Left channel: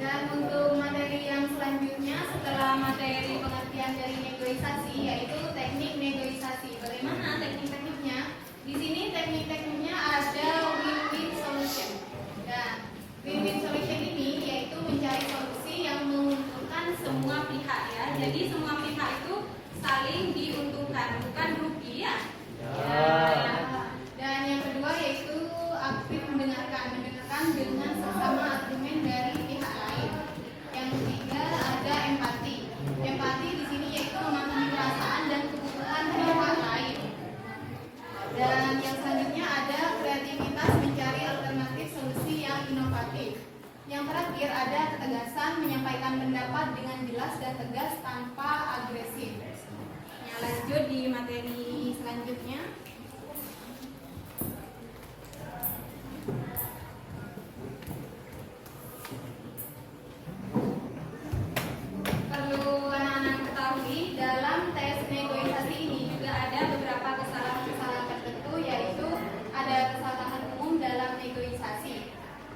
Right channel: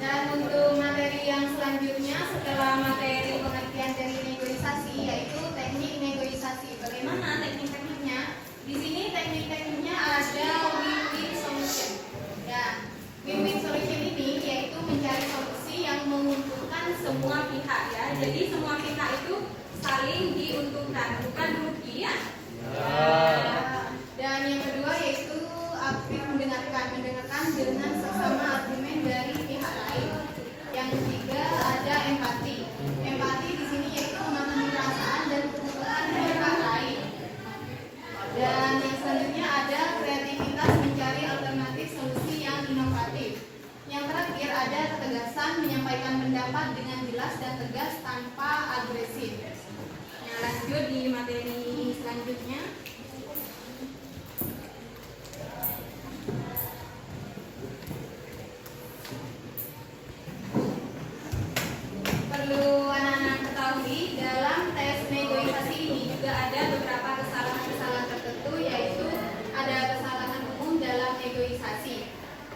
Dan untuk materi yang selanjutnya setelah materi pengertian dari negosiasi yaitu teknik negosiasi. Bagaimana teknik-tekniknya? Di sini teknik-tekniknya ada win-win solution. Dan win-win solution ini yaitu mencari solusi yang menguntungkan semua pihak ya. Jadi semua pihak itu saling diuntungkan, bukan rugi ya. Dan yang kedua yaitu aktif mendengarkan dengan sesama argumen dari pihak lain. Yang ketiga ada empati. Empati di sini yaitu memahami perasaan dan kebutuhan pihak lain. Dan yang selanjutnya ada kreativitas mencari alternatif solusi yang inovatif. Yang terakhir ada ketegasan menyampaikan pendapat dengan jelas dan tegas tanpa agresif. Yang lanjut di materi selanjutnya. Perlu anak-anak ketahui dalam tes negosiasi ini juga ada beberapa kesalahan-kesalahan tertentu, yaitu ada kesalahan umum dalam negosiasi.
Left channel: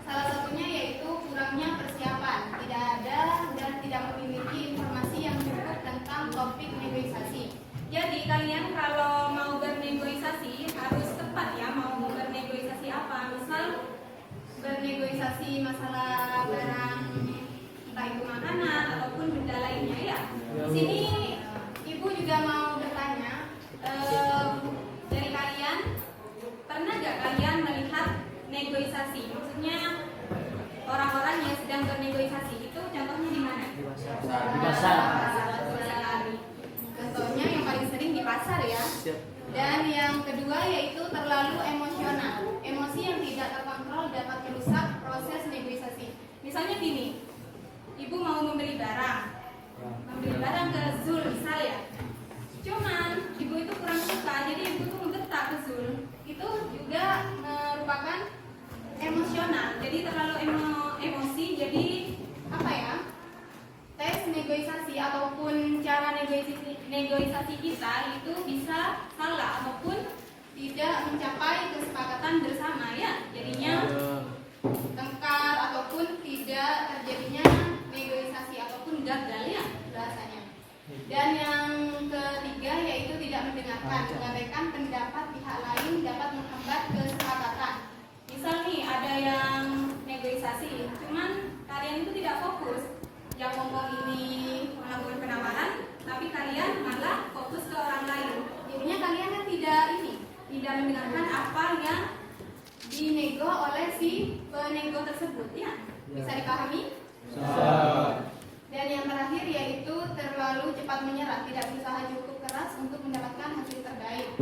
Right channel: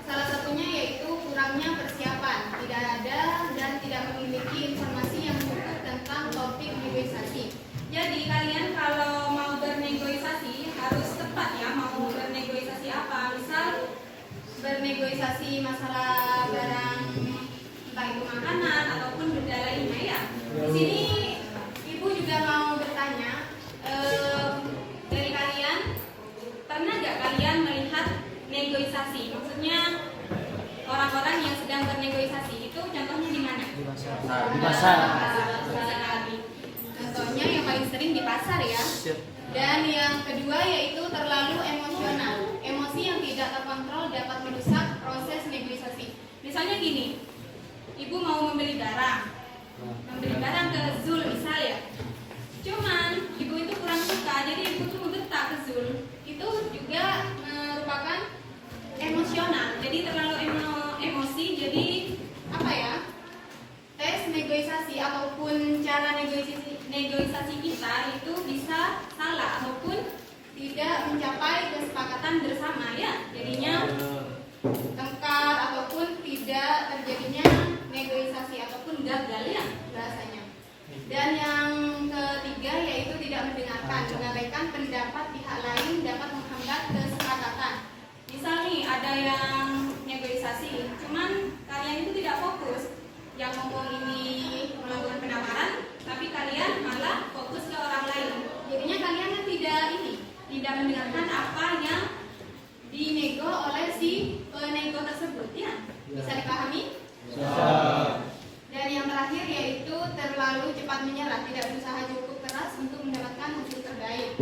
Salah satunya yaitu kurangnya persiapan, tidak ada dan tidak memiliki informasi yang cukup tentang topik negosiasi. Jadi kalian kalau mau bernegosiasi harus tepat ya, mau bernegosiasi apa. Misal bernegosiasi masalah barang, entah itu makanan ataupun benda lainnya ya. Di sini ibu juga mau bertanya, dari kalian pernah nggak kalian melihat negosiasi? Maksudnya orang-orang yang sedang bernegosiasi itu contohnya di mana? Di pasar. Contohnya yang paling sering di pasar ya. Dan yang kedua yaitu terlalu emosional. Emosi yang tidak terkontrol dapat merusak proses negosiasi. Misalnya gini, ibu mau membeli barang ke Zul misal ya. Cuman ibu itu kurang suka, jadi ibu tuh menggetak ke Zul. Itu juga merupakan emosional. Jadi terlalu emosi, jadi apa ya? Tes negosiasi ataupun cara negosiasi kita itu bisa salah ataupun tidak mencapai kesepakatan bersama ya. Jadinya tengkar ataupun tidak terjadinya negosiasi ataupun gagal ya bahasanya. Dan yang ketiga yaitu tidak mendengarkan, mengabaikan pendapat pihak lain dapat menghambat kesepakatan. Misal nih ada yang negosiasi, cuman kalian itu tidak fokus. Yang ngomong ini melakukan penawaran, tapi kalian malah fokus ke orang lain. Jadinya kalian kan tidak mendengarkan apa yang dinego oleh si penego tersebut ya. Bisa dipahami? Dan yang terakhir yaitu terlalu cepat menyerah, tidak berusaha cukup keras untuk mendapatkan hasil terbaik.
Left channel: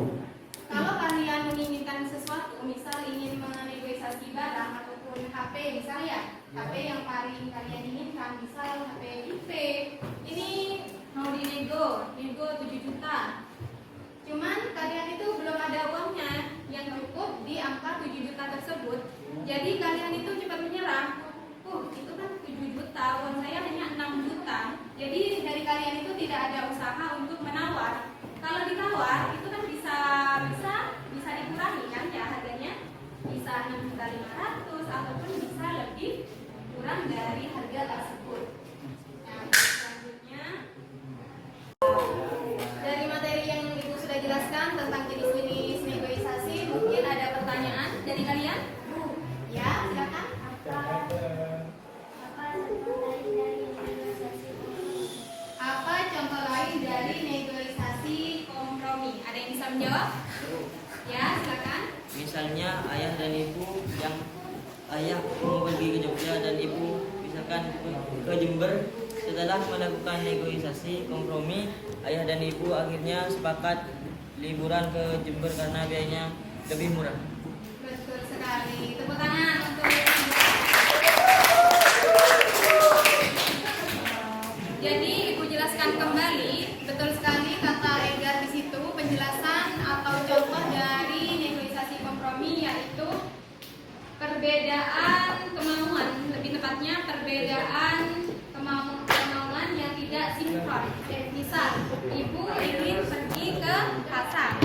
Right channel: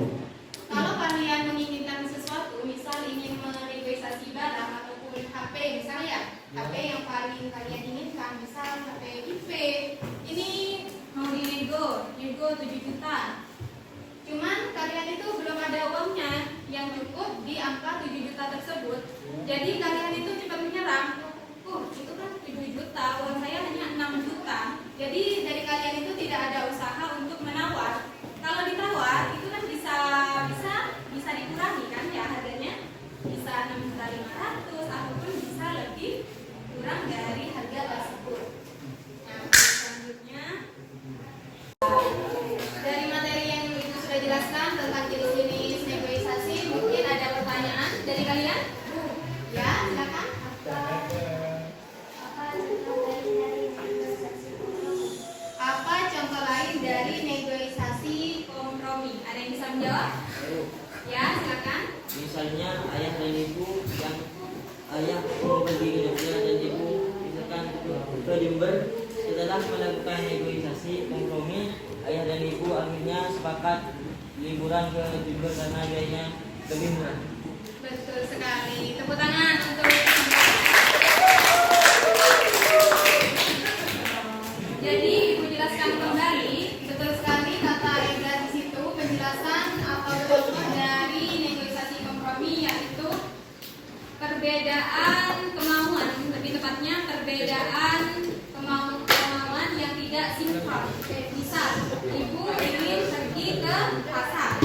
Kalau kalian menginginkan sesuatu, misal ingin menegosiasi barang ataupun HP misalnya, HP yang paling kalian inginkan, misal HP IP, ini mau dinego 7 juta. Cuman kalian itu belum ada uangnya yang cukup di angka 7 juta tersebut. Jadi kalian itu cepat menyerah. Itu kan 7 juta, uang saya hanya 6 juta. Jadi dari kalian itu tidak ada usaha untuk menawar. Kalau ditawar itu kan bisa dikurangi kan ya harganya. Bisa 6.500.000 ataupun bisa lebih kurang dari harga tersebut. Nah, selanjutnya dari materi yang Ibu sudah jelaskan tentang jenis-jenis negosiasi, mungkin ada pertanyaan dari kalian? Ya, silakan. Apa contoh lain dari negosiasi kompromi? Ada yang bisa menjawab? Ya, silakan. Misalnya ayah dan ibu yang ayah mau pergi ke Jogja dan ibu misalkan ke Jember. Setelah melakukan negosiasi kompromi, ayah dan ibu akhirnya sepakat liburan ke Jember karena biayanya lebih murah. Betul sekali. Tepuk tangan untuk. Jadi Ibu jelaskan kembali, betul sekali kata Edgar di situ, penjelasan atau contoh dari negosiasi kompromi yaitu perbedaan kemauan, lebih tepatnya perbedaan kemauan yang tidak sinkron. Misal, Ibu ingin pergi ke pasar,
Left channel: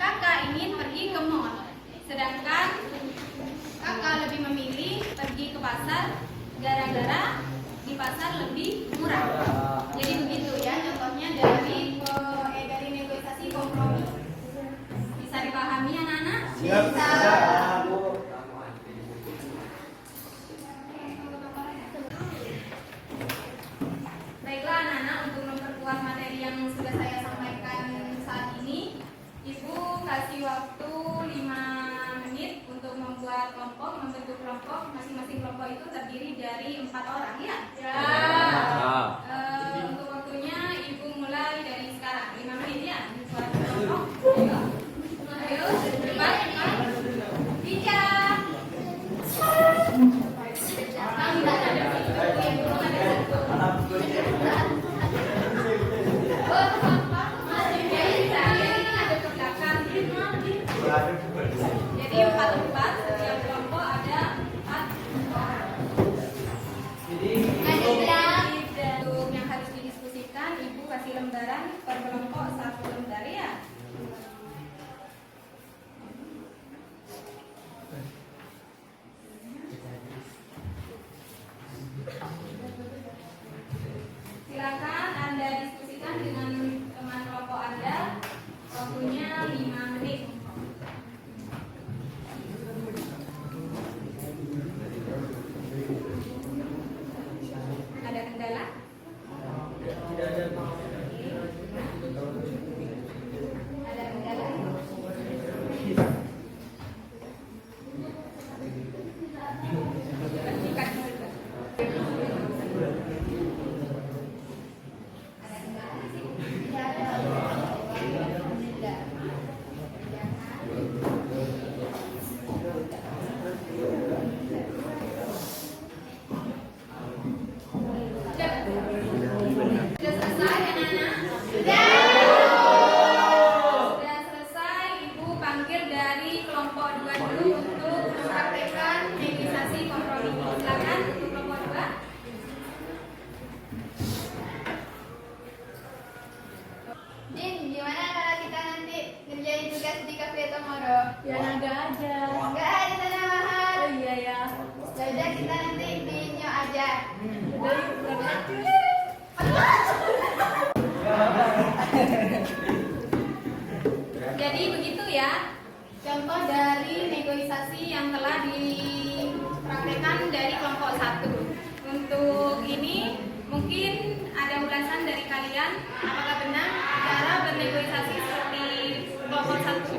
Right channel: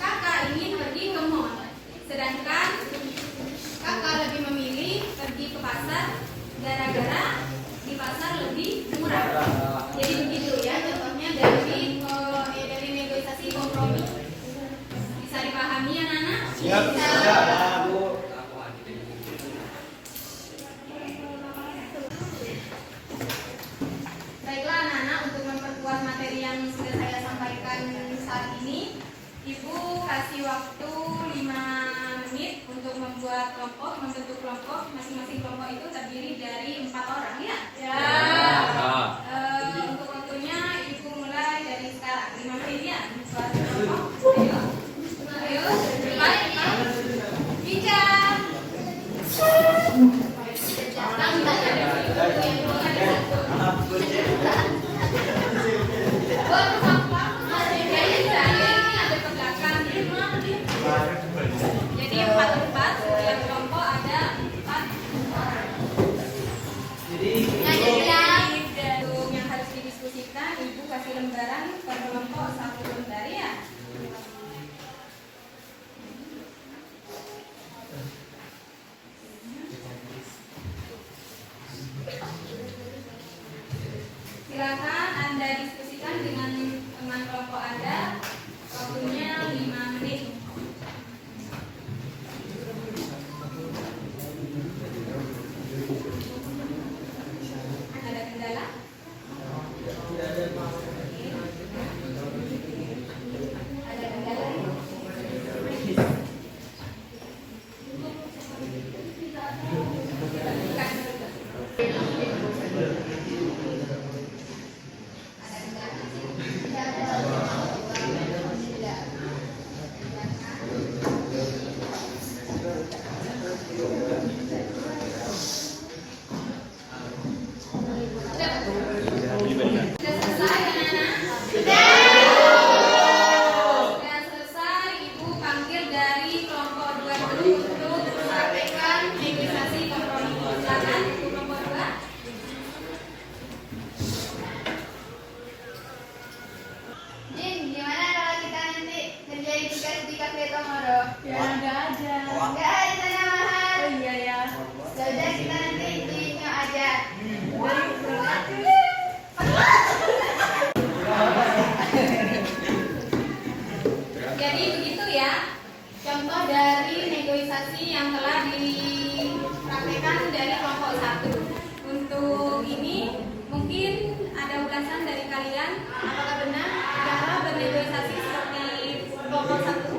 Kakak ingin pergi ke mall, sedangkan Kakak lebih memilih pergi ke pasar gara-gara di pasar lebih murah. Jadi begitu ya contohnya dari negosiasi kompromi. Bisa dipahami anak-anak? Bisa. Baiklah anak-anak, untuk memperkuat materi yang sudah saya sampaikan saat ini, Ibu kasih waktu 5 menit untuk membuat kelompok, membentuk kelompok. Masing-masing kelompok itu terdiri dari 4 orang ya? Ya. Untuk waktunya Ibu mulai dari sekarang 5 menit ya. Buat kelompok. Ayo, cepat. Bicara. Jadi 4 yang kelompok ada 4 orang. Untuk yang harus didiskusikan, Ibu kasih lembaran per kelompok 1 lembar ya. Silakan Anda diskusikan dengan teman kelompok Anda. Waktunya 5 menit. Ada kendala? Ada kendala? Sudah selesai anak-anak? Sudah selesai, Ibu panggil dari kelompok 2 dulu untuk mempraktekkan negosiasi kompromi. Silakan untuk kelompok 2. Jin, gimana kalau kita nanti kerjain tugas di kafe Komodo? Ya ada aja. Enggak ada sana mahal. Oh iya ya. Ya udah kita nanti di Nyo aja. Jadi begitu ya contoh dari negosiasi yang telah dipraktekkan dari kelompok 1. Untuk ini mungkin ada ulasan dari kalian, apakah benar cara bernegosiasi seperti kelompok 1?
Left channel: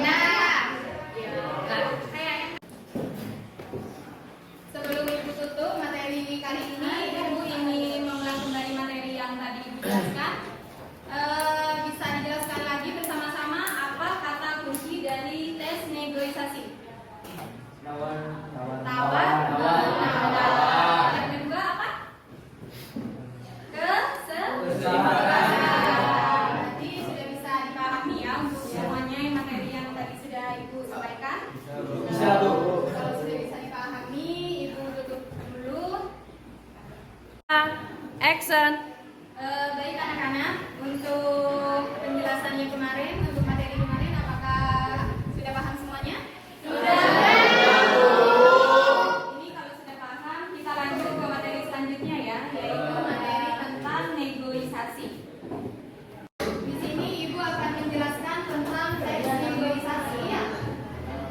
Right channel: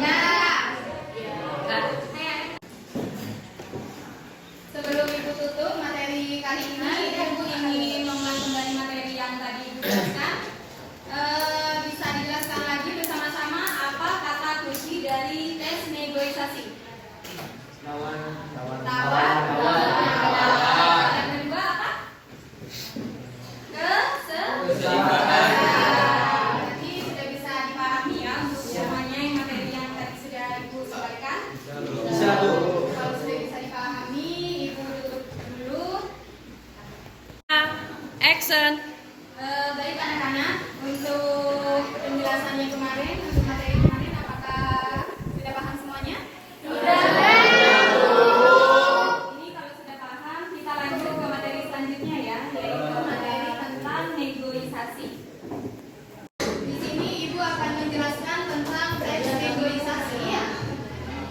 Ya. Sebelum Ibu tutup materi kali ini, Ibu ingin mengulang kembali materi yang tadi Ibu jelaskan. Bisa dijelaskan lagi bersama-sama apa kata kunci dari tes negosiasi? Tawar, menawar. Yang kedua apa? Keseimbangan. Berarti sudah bisa dipahami ya untuk semuanya yang materi yang tadi sudah Ibu sampaikan. Kalau sudah bisa dipahami, Ibu tutup dulu. Action. Baik anak-anak, untuk penjelasannya kemarin, untuk materi kemarin, apakah sudah paham semuanya? Sudah. Ini kalau sudah paham, kita lanjut ke materi selanjutnya ya, yaitu materi tentang negosiasi. Di sini Ibu akan menjelaskan tentang tes negosiasi ya.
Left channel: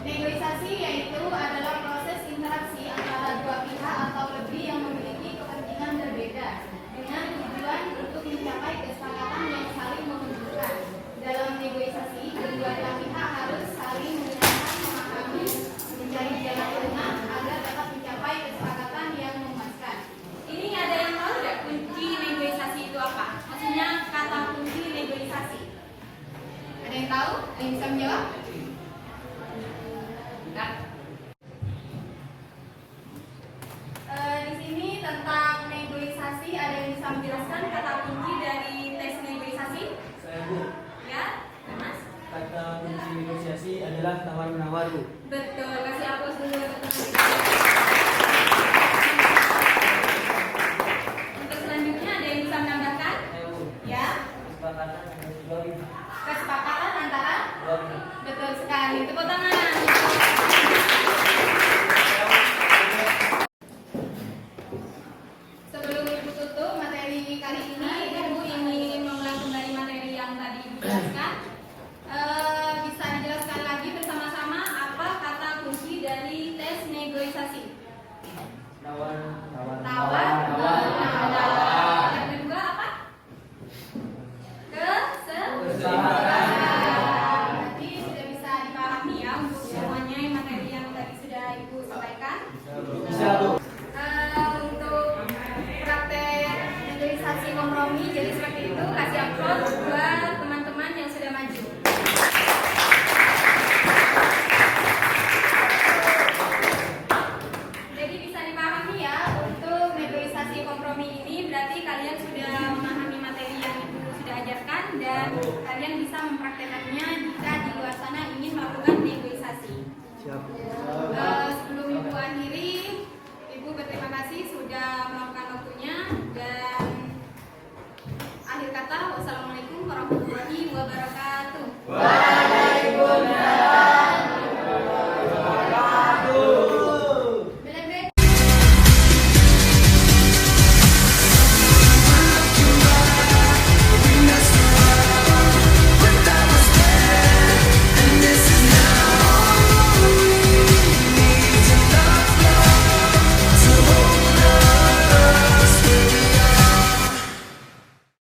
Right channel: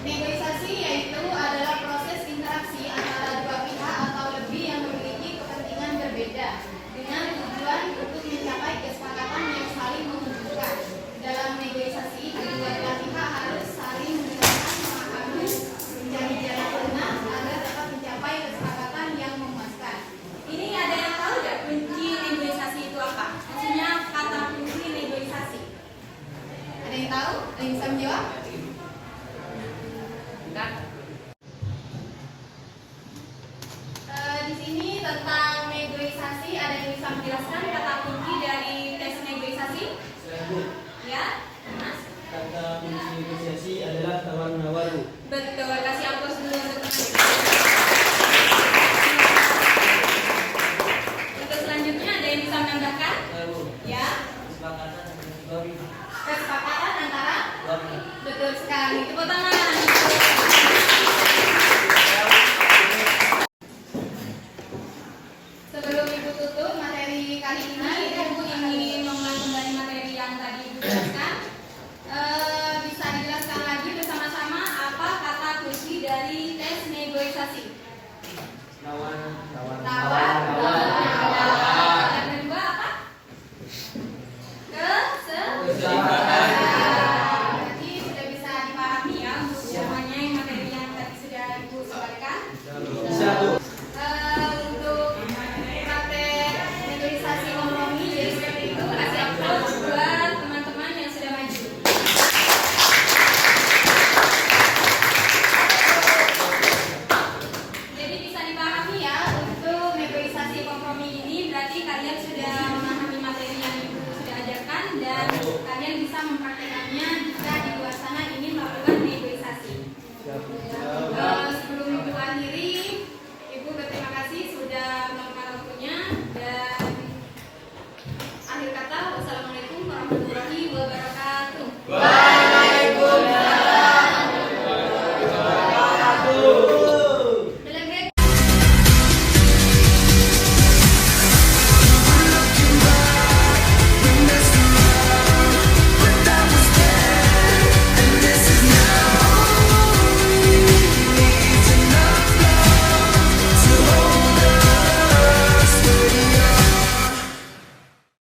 Negosiasi yaitu adalah proses interaksi antara dua pihak atau lebih yang memiliki kepentingan berbeda dengan tujuan untuk mencapai kesepakatan yang saling menguntungkan. Dalam negosiasi, kedua belah pihak harus saling mendengarkan, memahami, mencari jalan tengah agar dapat mencapai kesepakatan yang memuaskan. Ini ada yang tahu nggak kunci negosiasi itu apa? Maksudnya kata kunci negosiasi. Ada yang tahu? Ada yang bisa menjawab? Enggak. Di sini tentang negosiasi, ada yang bisa menjelaskan kata kunci dari tes negosiasi? Ya, Mas? Kata kunci negosiasi adalah tawar menawar. Betul, kasih aplaus dulu untuk teman-teman. Untuk selanjutnya ada yang bisa menambahkan? Ya, kesepakatan antara? Betul sekali, tepuk tangan. negosiasi? Nawar. Tawar menawar. Yang kedua apa? Keseimbangan. Berarti sudah bisa dipahami ya untuk semuanya yang materi yang tadi sudah Ibu sampaikan.